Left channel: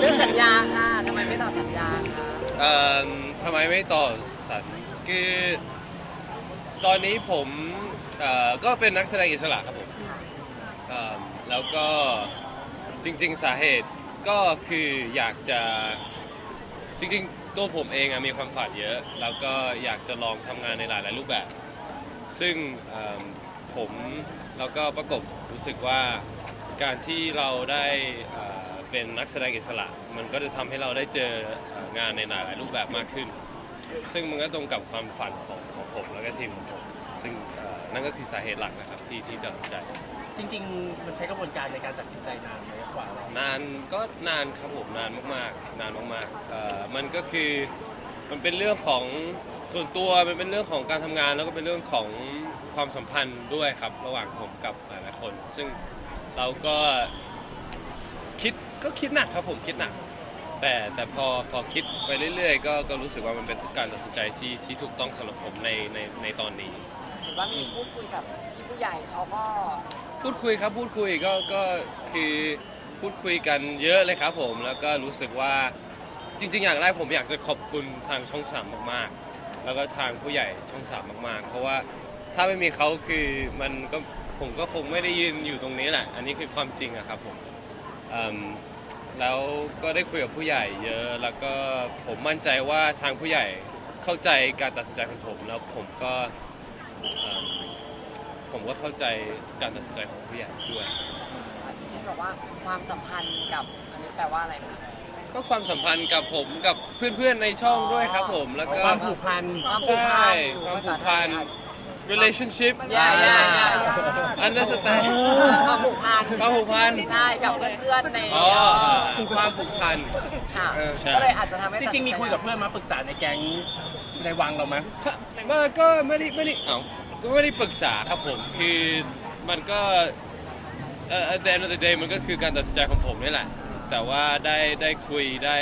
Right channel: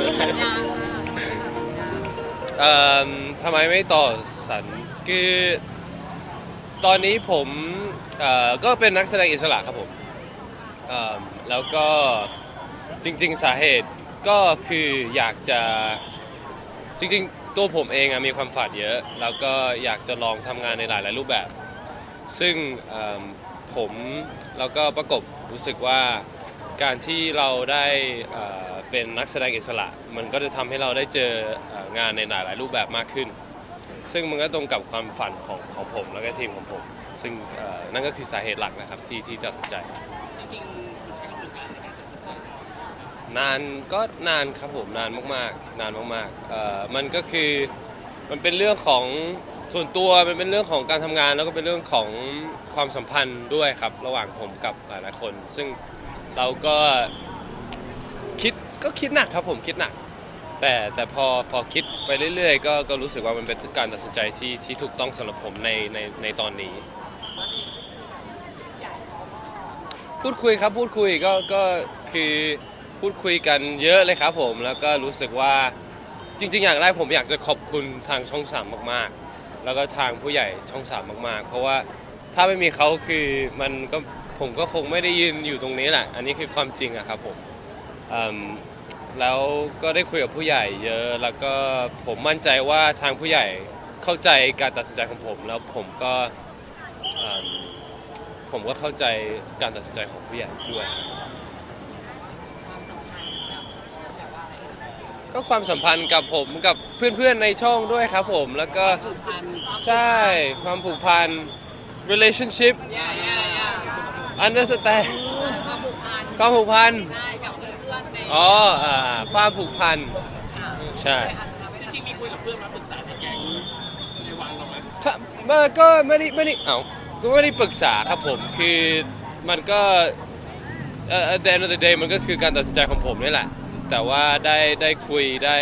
เรื่องสัญญาค่ะทำไมไม่ต่อสัญญาคะเอ่อทำไมไม่ต่อสัญคือตอนนี้ผมเอ่อก็เป็นนักแสดงอิสระครับผมเอ่อแล้วก็จริง ๆ สาเหตุก็คืออยากจะจริง ๆ ตัวผมเองอะมีความฝันเยอะ แล้วก็อยากจะลองทำงานในหลาย ๆ รูปแบบ ซึ่งเอิ่มผมแล้วก็ประกบรู้สึกว่าการที่เราได้เเป็นนักแสดงอิสระ มันก็จะทำให้เราได้เจอเอ่องานในหลายๆรูปแบบมากขึ้น ซึ่งมันก็ตรงกับความฝันของของผมแล้วก็ทีมของผม ซึ่งเอ่อนั่นก็คือสาเหตุหลักนะครับที่ที่ตัดสินใจ จริงๆ มันใช้กระบวนการในการตัดสินใจนานไหมกว่าเรานานก็นานครับผมนานมากๆ นานมากๆเอ่อมันก็คือมันเป็นเรื่องของส่วนตัวมันเป็นเรื่องของการทำงาน แล้วก็เป็นเรื่องของความสัมพันธ์ด้วยครับ ระหว่างผมกับหลายๆคน ซึ่งเราก็คิด ก็คิดหนักครับผมคิดหนัก แต่แต่พอพอคิดไปเรื่อยๆ ก็ก็รู้สึกว่ามันเป็นการตัดสินใจที่ที่ถูกต้องสำหรับผมในในในตอนนี้ หรือว่ามีพูดคุยแบบผู้ใหญ่เขาก็พูดคุยครับพูดคุยก็ก็คือพูดคุยกันเยอะเลยครับผมแล้วก็รู้สึกว่าจริง ๆ อย่างแรกผมอยากจะขอบคุณทางช่องสามมากๆ แล้วก็ทางผู้ใหญ่ช่องสามมากๆ เพราะว่าถ้าไม่มีเขาคือมันก็ผมก็คงไม่ได้ยืนอยู่ตรงนี้แหละ อันนี้คือความจริงอะครับผมอืม แล้วก็ได้คุยกับผู้ใหญ่เยอะ แล้วก็ผมมั่นใจว่าทางผู้ใหญ่เข้าใจการตัดสินใจของผม แล้วผมก็อืมผมก็เข้าใจการตัดสินใจของผู้ใหญ่ด้วยเห็นบอกว่าความสัมพันธ์กับอันนั้นแปลว่าอะไรคะก็ความสัมพันธ์กับผมกับเพื่อนๆในช่องด้วยครับผม แล้วก็ความผูกพัน ใช่ความผูกพัน relationship ย่าย่าย่า understand ความผูกพันความผูกพันใช่กับเพื่อนๆในอ๋ออ่าความผูกพัน ค่ะใช่ ก็เลยอาจจะทำให้จริงๆมีคุยกับเพื่อนมาปรึกษาในแก๊งในวังเราไหมถ้ามาก็ไม่ได้ไม่ได้เอ้าก็ไม่ได้ปรึกษาครับผมคือมันก็เอ่อ at the end of the day มันก็คือการตัดสินใจของผมนี่แหละ แต่ว่าได้ได้คุยได้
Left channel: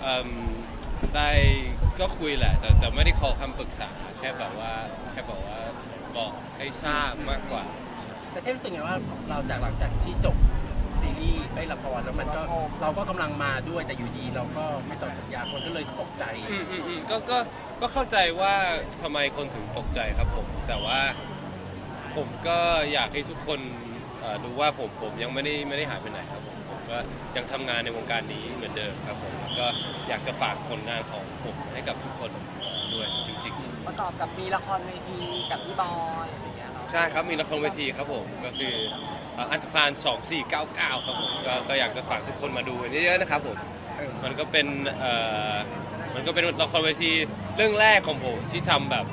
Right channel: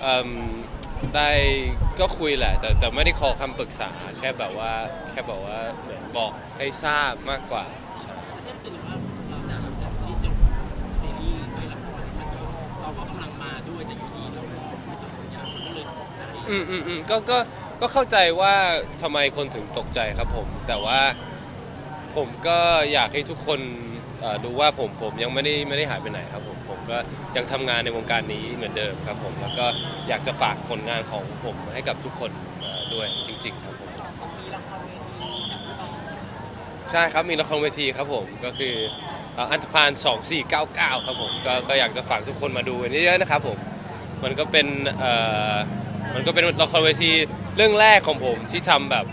เอิ่มได้ ก็คุยแหละ แต่แต่ไม่ได้ขอคำปรึกษาแค่แบบว่าแค่แบบว่าเหมือนบอกให้ทราบมากกว่าใช่แต่เท่รู้สึกไงว่าเราจากหลังจากที่จบซีรีส์ไปละครแล้วมันก็เราก็กำลังมาด้วยแต่อยู่ดีเราก็ไม่ต่อสัญญาคนก็เลยตกใจ อืมอืมอืมก็ก็ก็เข้าใจว่าทำไมคนถึงตกใจครับผม แต่ว่าผมก็อยากให้ทุกคนเอ่อดูว่าผมผมยังไม่ได้ไม่ได้หายไปไหนครับผมผม ก็ยังทำงานในวงการนี้เหมือนเดิมครับผมแล้วก็อยากจะฝากผลงานของผมให้กับทุกคนด้วยจริงประกอบกับมีละครเวทีกับพี่บอยอะไรอย่างเงี้ยๆใช่ครับ มีละครเวทีครับผมก็คือเอ่ออันธพาล2499 ครับผมก็ก็อยากจะฝากทุกคนมาดูกันเยอะๆนะครับผมมันก็เป็นเอ่อมันก็เป็นละครเวทีเรื่องแรกของผมที่ทำแบบ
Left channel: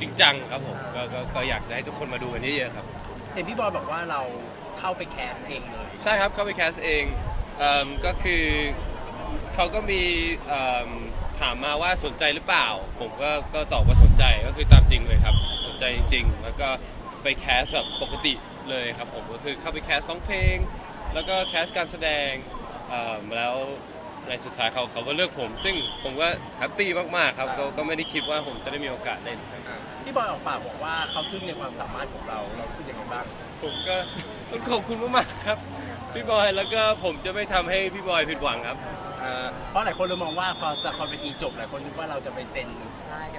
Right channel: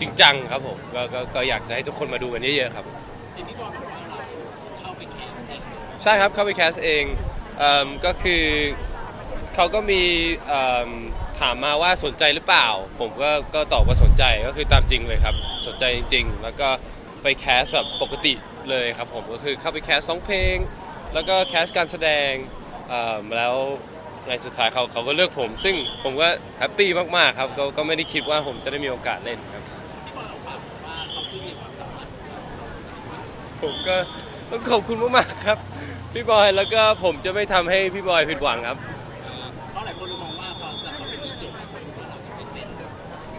จริงจังครับผมก็ก็ก็อยากจะให้ทุกคนมาดูกันเยอะๆครับ เห็นพี่บอยบอกว่าเรา เข้าไปแคสเองเลยใช่ครับเข้าไปแคสเองเอิ่มก็คือเขาก็มีเอิ่มถามมาว่าสนใจหรือเปล่า ผมก็ก็ตอบว่าสนใจก็คือตามจริงเลยครับ สนใจจริงๆ แล้วก็ไปแคสแบบปกติเลยครับผมก็คือเข้าไปแคสร้องเพลง แล้วก็แคสการแสดงเอิ่มแล้วในสุดท้ายเขาเขาก็เลือกผม ซึ่งผมก็แฮปปี้มากๆครับก็ก็ไม่ได้คิดว่าผมจะได้มีโอกาสเล่นครับ พี่บอยออกปากบอกว่าเขาทึ่งในความสามารถของเราเรารู้สึกยังไงบ้างผมก็ต้องขอบคุณมากๆครับ พี่บอยแล้วก็ผมจะไม่ทำให้พี่บอยผิดหวังครับเอ่อเพราะหลายคนเลยมองว่าพอละครเป็นทีจบหลายคนคิดว่าเราจะไปเซ็น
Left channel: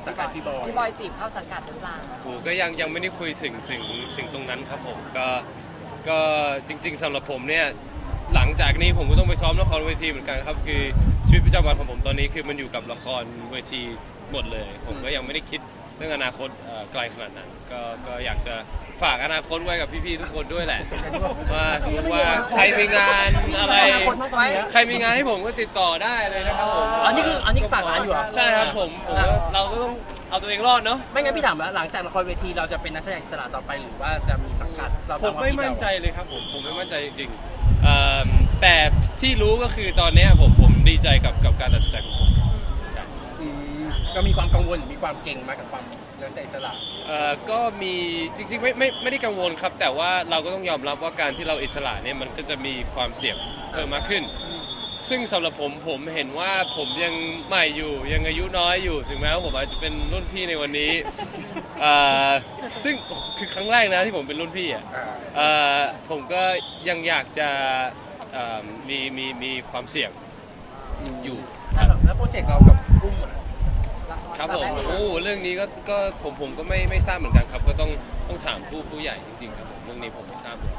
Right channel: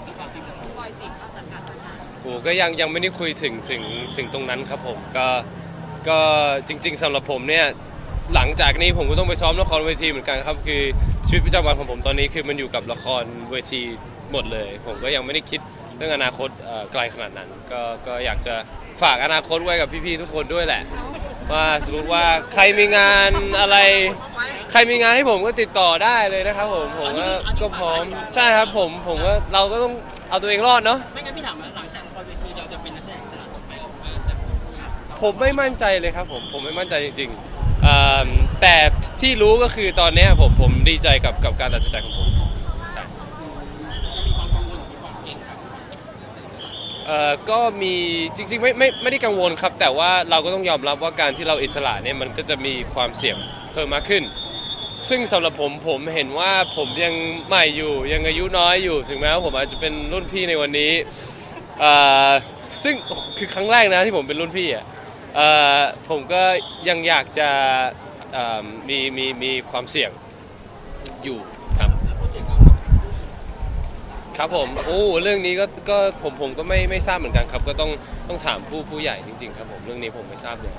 สังกัดพี่บอยพี่บอยจีบเข้าสังกัดหรือเปล่าโอ้ก็ยังยังไม่ได้คุยถึงถึงถึงตรงนั้นครับผมก็ก็จริง ๆสำหรับผมเนี่ยหลังจากนี้ผมก็ต้องไปซ้อมละครเวทีเหมือนกันครับ คือชีวิตประจำวันของผมตอนนี้คือมันอยู่กับละครเวทีหมดเลย ผมก็ยังไม่ได้คิด เรื่องอนาคตเอ่อไกลขนาดนั้น ก็ก็อยากจะฝากอนาคตไว้กับพี่ๆทุกคนด้วยแหละ ว่าสมมติว่าใครมีงานอะไร ใครมีงานให้ผมก็ติดต่อได้เลยนะครับผมอันนี้คืออันนี้ฝากร้านอยู่เหรอ ใช่ครับผมผมก็เราก็ต้องเอาตัวเองรอดเนาะไม่งั้นพี่ถามว่าหลังจากละครเวทีเราจะเป็นนักแสดงอิสระต่อไปหรือว่าจะมีสังกัดเราผมไม่มั่นใจเลยครับผมผมไม่มั่นใจจริงๆเอิ่มแต่ที่รู้ก็คือตอนเนี้ยผมผมดีใจกับกับการตัดสินใจของผมใช่อืม เรามีความกังวลหรือมีความเก่งไหมกับความนักแสดงอิสระเอ่อก็มีจริงๆไม่ไม่ไม่ได้กังวลครับ แต่ว่าเราก็ต้องยอมรับว่าการที่เราอิสระเนี่ยมันก็จะมีความเสี่ยงเพิ่มมากขึ้น ซึ่งสำหรับผมผมเห็นว่าผมยังใหม่อยู่ยังอายุน้อยอยู่ถึงแม้ว่าผมอาจจะเป็นรุ่นพี่ในวันนี้เอ่อซึ่งคือครั้งแรกนะที่ผมเป็นรุ่นพี่อะเอ่อผมก็ยังอยากจะเอ่อมีมีมีความเสี่ยงอยู่ครับ แล้วโปรเจกต์เรากับกุ้งอะ ครับผมโอ้เรื่องนี้ก็ก็ผมผมก็ไม่ไม่ทราบเหมือนกันครับ ก็ต้องต้องถามผู้ผู้ใหญ่จริง ๆ ครับผมเรื่องนี้ผมไม่ทราบเลย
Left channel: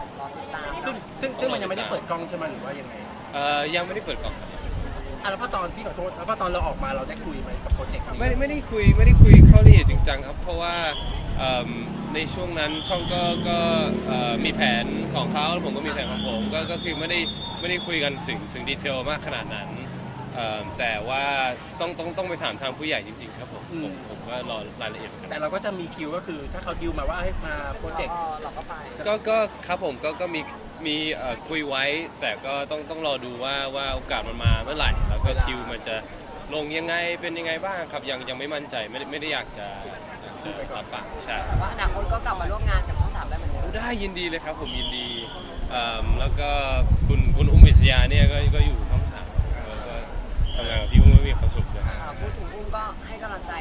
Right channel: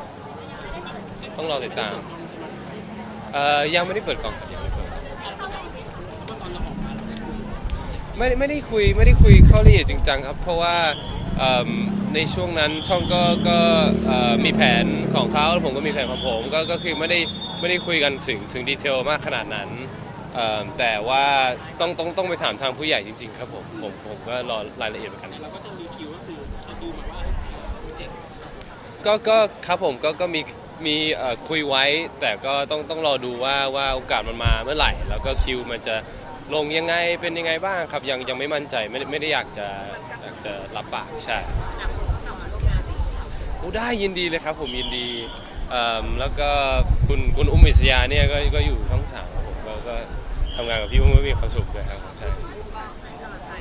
ซึ่งซึ่งซึ่งมันยังไม่ได้เปิดกล้องใช่ไหมหรือว่ายังไงเอ่อยังไม่ได้เปิดกล่องครับยังไม่ได้เปิดกล่องอะแล้วก็ตอนพี่ขอโทษแล้วก็ตอนเราออกมาเราได้คุยไหมกับโปรเจกต์นี้ไม่ไม่ได้คุยไม่ได้คุยเข้าละเอียดจริงจังครับ เพราะว่าเอิ่มในช่วงนั้นช่องก็ก็เอ่อมีแผนของเขาแล้วผมก็มีแผนของผมก็ก็คือไม่ได้ไม่ได้คุยกันถึงถึงดีเทลมากขนาดนั้น เอิ่มแต่ว่าต้องต้องต้องไปถามทางผู้ใหญ่จริง ๆ ครับผมผมผมก็รอรายละเอียดกันแต่เราก็จะมีคิวก็คือถ้าเขาดิวมาว่าให้มาโปรเจกต์ก็เราก็ไปก็ก็ครับผมก็ก็มีมีเอ่อคุยไว้ แต่ก็ต้องต้องรอดูว่าว่าโอกาสมันมาเมื่อไหร่ แล้วก็คิวมันจะลงยังไงเป็นยังไงบ้างครับยังยังไม่มั่นใจไม่ได้ไม่ได้อยากจะอยากจะรับปากใช่ ว่าอนาคตก็กลับมาร่วมงานกับช่องสามได้เหมือนเดิมโอ้ได้ยินดีเลยครับผมยินดีเอิ่มแล้วก็คุณคุณอุ้มอิสยาเนี่ยก็ก็อยู่ช่องสามก็ก็ทำงานกับพี่อุ้มก็มีความสุขนะฮะ พูดถึงคุณก็ให้กำลังใจ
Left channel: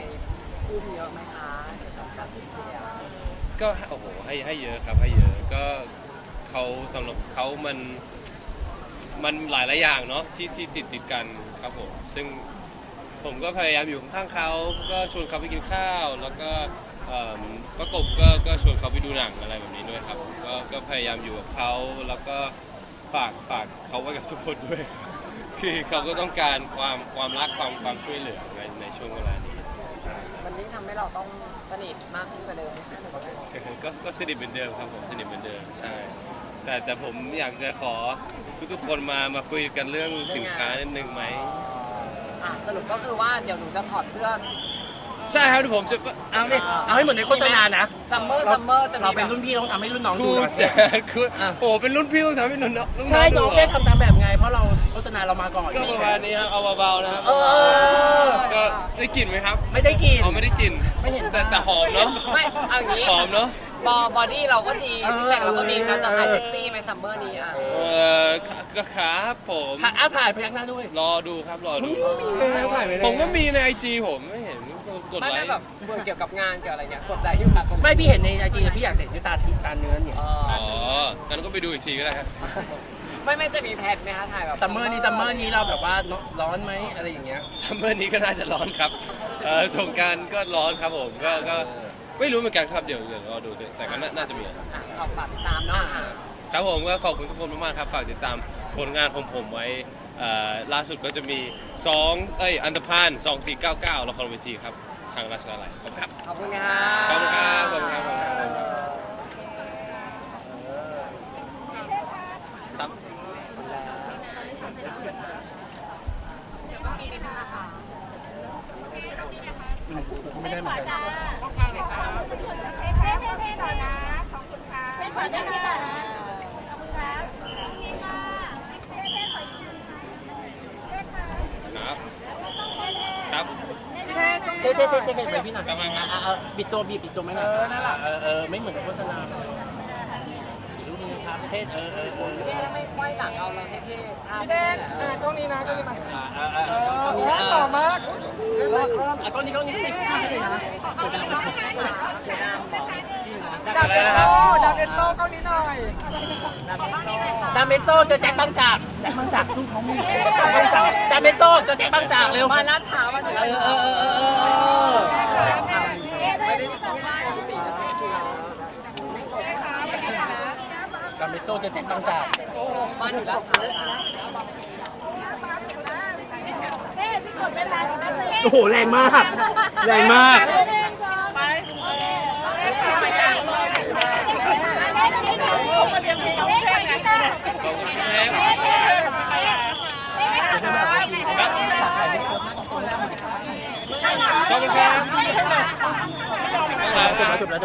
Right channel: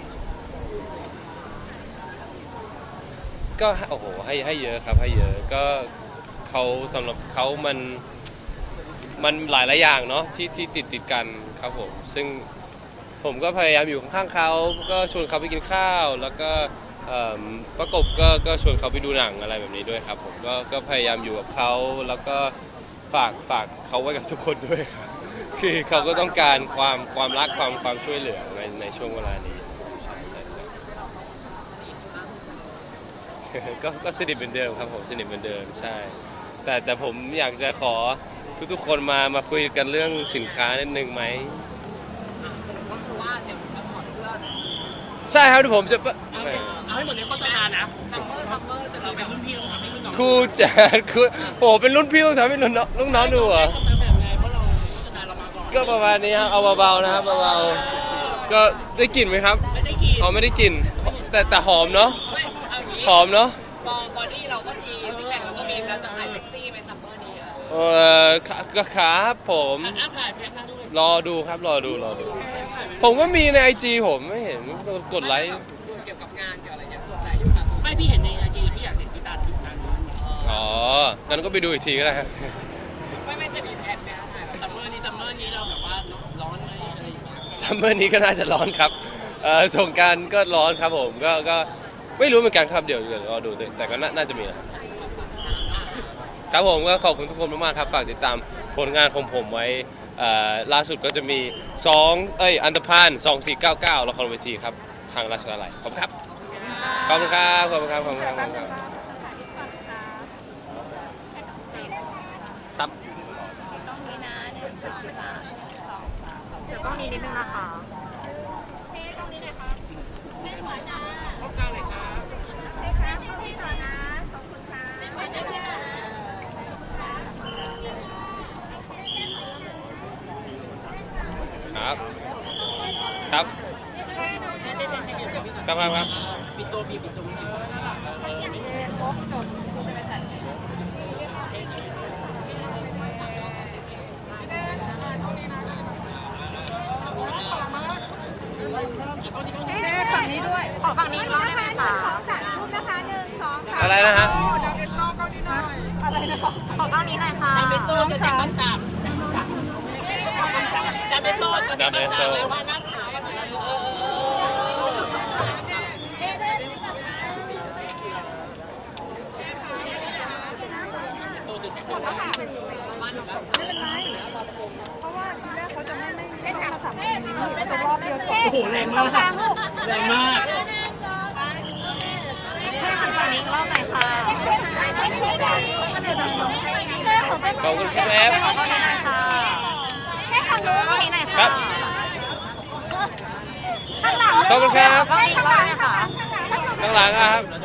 พูดเยอะไหมคะการสูญเสียก็โอ้โหให้ให้เยอะครับให้เยอะก็เขาสำหรับเขามันมันหลายหลายอย่างเนาะที่ที่ติดติดกันครับผมซึ่งผมก็พยายามอยู่ข้างเขาก็ชวนเขาไปกินข้าว แล้วก็เอิ่มประกบก็ก็ชวนเขาไปดูหนังอะไรแบบนี้ด้วยครับผมก็ก็พยายามอยู่กับเขาแล้วก็ฝากฝากเขาไว้กับทุกคนด้วยคื อเขาก็ต้องการความความรักความความช่วยเหลือในในช่วงเวลานี้ใช่ใช่มันนี้ทำให้เราต้องสนิทมากขึ้นกว่าเดิมก็ก็สนิทเหมือนเดิมครับผมสนิทเหมือนเดิมใช่ แต่แต่ผมอยากจะขอทุกๆคนมามาคุยกันเรื่องสินค้านิดนึงไหมอะสรุปก็คือว่าเดี๋ยวหนูจะถอดเสื้อใช่ครับเดี๋ยวผมจะเอาเนี่ยเอาให้เหมือนในโฆษณานะซัมเมอร์ซัมเมอร์จะเรามีเป็นแบบรุ่นพี่ต้องทำให้รุ่นน้องคดูรูนะแจดครูโหเป็นรุ่นพี่ต้องทำให้รุ่นน้องรุ่นน้ใช่องดูน้องเหรได้อทำตามแบบไงเพราะเราโฆ ษณาเรามาก่อนก็ประมาณนี้ครับเอาเบาๆนะครับเออก็ได้กลิ่นไหมครับไม่ได้กิน เอาไม่ได้กลิ่นแต่แต่หอมเนาะไม่เอาอย่างนี้หอมเนาะบอบอดี้เราก็ดีซิกแพคเราก็มีเราจะถ่ายเซ็กซี่ไหมซัมเมอร์นี้อะเออก็ครับผมอะอะถ่ายพยักหน้าด้วยรอดูครับรอดูถ่ายไปเลยผมก็มีในไอจีผมไม่เห็นกดไลค์ม่แบบเกี่ยวกับงานเกี่ยวอะไรเงี้ยกดไลค์อยู่ค่ะไม่พี่เห็นในไอจีแต่พี่อยากเห็นด้วยตาทิพย์ตาเนื้อเนี่ยอ๋องั้นก็ไปดูอีกทีก็ได้ครับ ไม่ไม่จะมีแพลนไหมคะถ่ายแบบซัมเมอร์นี้ซัมเมอร์นี้เราแบบว่าร้อนไหมอะไรอย่างเงี้ยซัมเมอร์นี้ก็น่าจะร้อนครับเอ่อสงกรารก็ร้อนครับผมก็ก็ไม่รู้เหมือนกันครับเดี๋ยวเดี๋ยวรอดูแต่แต่ก็น่าน่าจะมีนะครับอะขอฝากติดตามเนาะอะครับผมก็ขอบคุณทุกคนมากๆครับฝากติดตามผลงานของผมไว้เอ่อล่าสุดก็จะมี2เอ้ยอันตพาน2499ละครเวทีครับทางราชดาลัยขอบคุณครับขอบคุณค่ะ ขอบคุณครับขอบคุณครับขอบคุณครับ ไม่ได้เหมือนกันครับครับเท่เท่เท่เท่เท่พี่หน่อยครับครับครับอะเอาปิดตัวบีบปิดตัวไม่ได้เออนั่นแหละเออเออไม่เหมือนโฆษณาเท่เออเออเออไม่ไหวหลังเราเลยเท่ๆ พี่เดนเออกล้องนี้นะกล้องนี้มาเออเออโอ้หล่อมากอะกล้องนี้กล้องนี้อะไรนะครับ ดังเอ็นโต้กล้องนี้หน่อยดาเมโซเจอแจ็คบังจากแจ็คบางจากดาเมโซเจอแจ็คบังจากเร็วมาลาดเท้าวมาเออเออเออ เออดามเมโซ่เจอแจ็คบางจากมาถึงลาดเท้าวโอ้โหแรงมาก แรงมากขอบคุณครับขอบคุณครับข้างหลัง